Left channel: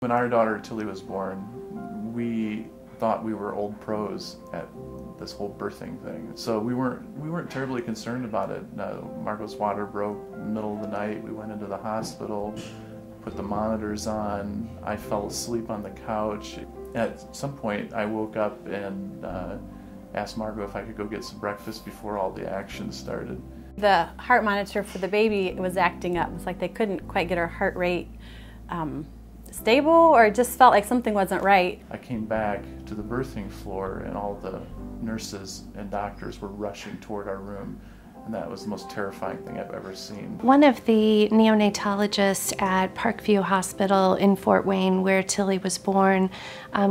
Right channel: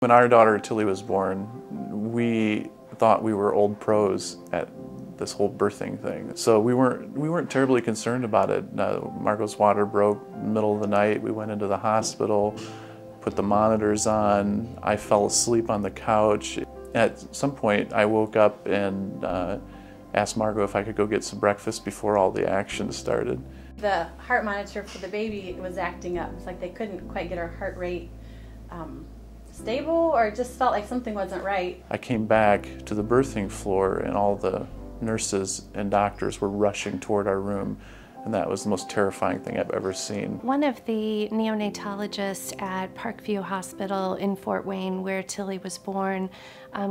When our daughter Tillie was born, we thought we were old pros at this whole birthing thing. So we weren't terribly concerned about it. Margot's water broke in the middle of the night. We went into the hospital, put the monitors on. I fell asleep on the couch. At some point, I woke up and asked Margot if I could go get some breakfast before all the action started. The heart monitor for the baby was acting up. It's like they couldn't quite get her heart rate stable, or it just felt like something wasn't right. I came back to the birthing floor and all the nurses and doctors were rushing toward our room, and that was the most terrifying thing I've ever seen. One of the neonatologists at Parkview Hospital in Fort Wayne, where Tillie was born,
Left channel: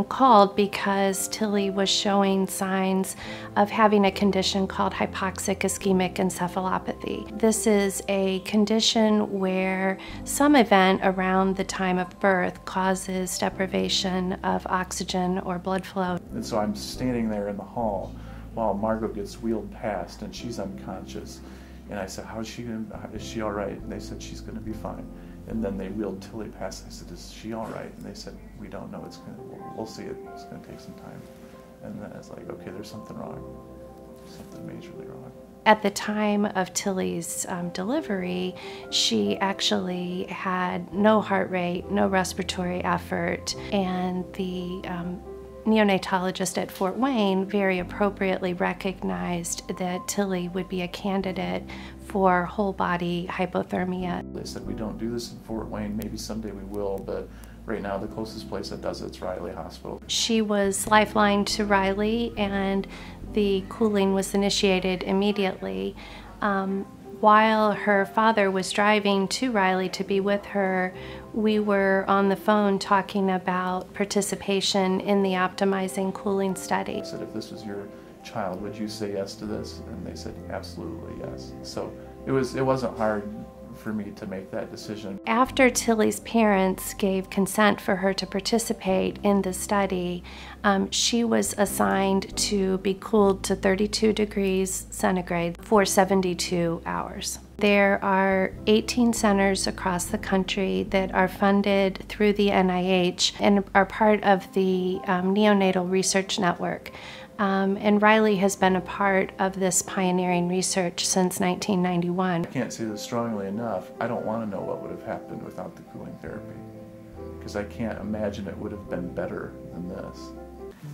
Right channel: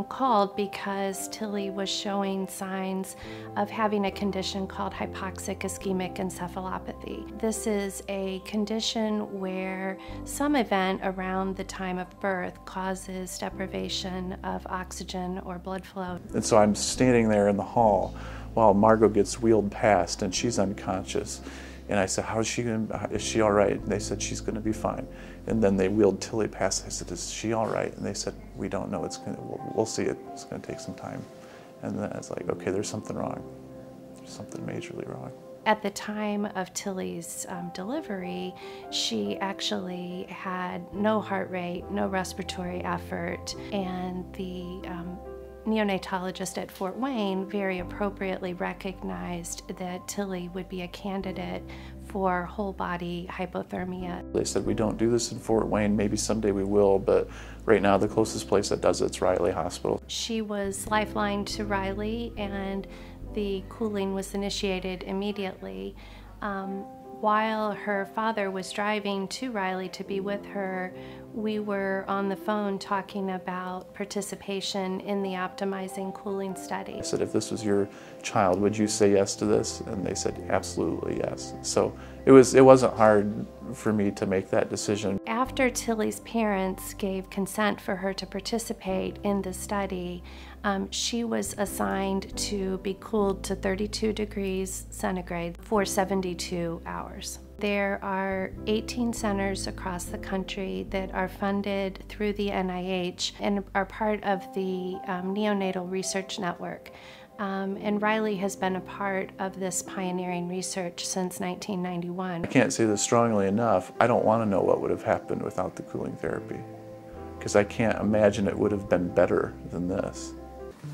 called because Tillie was showing signs of having a condition called hypoxic ischemic encephalopathy. This is a condition where some event around the time of birth causes deprivation of oxygen or blood flow. And so I'm standing there in the hall while Margot gets wheeled past and she's unconscious. And I said, is she all right? And they said, she's gonna be fine. And then they wheeled Tillie past. I said, is she all right? And they said, we don't know, we'll see it, it's gonna take some time. And then I was like, okay, there's something wrong. There's something majorly wrong. At the time of Tillie's delivery, she actually had no heart rate, no respiratory effort, and the neonatologist at Fort Wayne very appropriately recognized that Tillie would be a candidate for whole body hypothermia. They said, we don't do this in Fort Wayne, maybe someday we will, but right now the closest place that does it's Riley Hospital. She was lifelined to Riley and the cooling was initiated immediately. While her father was driving to Riley to be with her, we were on the phone talking about participation in the optimizing cooling study. I said, if this was your child, would you say yes to this? And they said, absolutely yes. So it wasn't hard for me to make that decision. After Tillie's parents gave consent for her to participate in the study, she was assigned to be cooled to 32 degrees centigrade for 72 hours. There are 18 centers across the country that are funded through the NIH and are part of the Neonatal Research Network. And Riley has been a part of this pioneering research since 1991. I can't say this strongly enough. I don't want to know what would have happened without the cooling therapy, because I can't imagine it would have been better than this.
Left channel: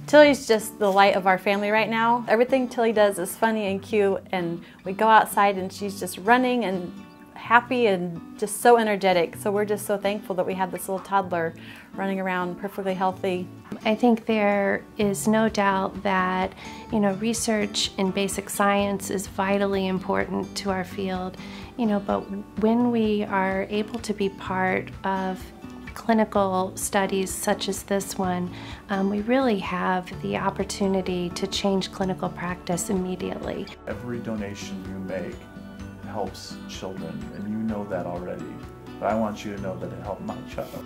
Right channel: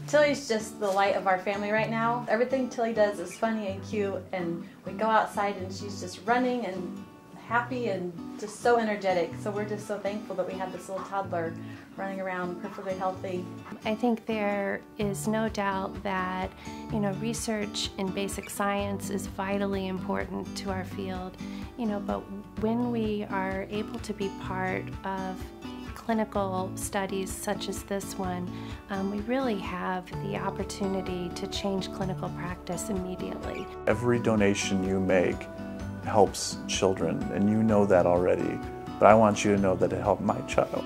Tillie's just the light of our family right now. Everything Tillie does is funny and cute, and we go outside and she's just running and happy and just so energetic. So we're just so thankful that we have this little toddler running around perfectly healthy. I think there is no doubt that, research in basic science is vitally important to our field, but when we are able to be part of clinical studies such as this one, we really have the opportunity to change clinical practice immediately. Every donation you make helps children, and you know that already, but I want you to know that it helped my child.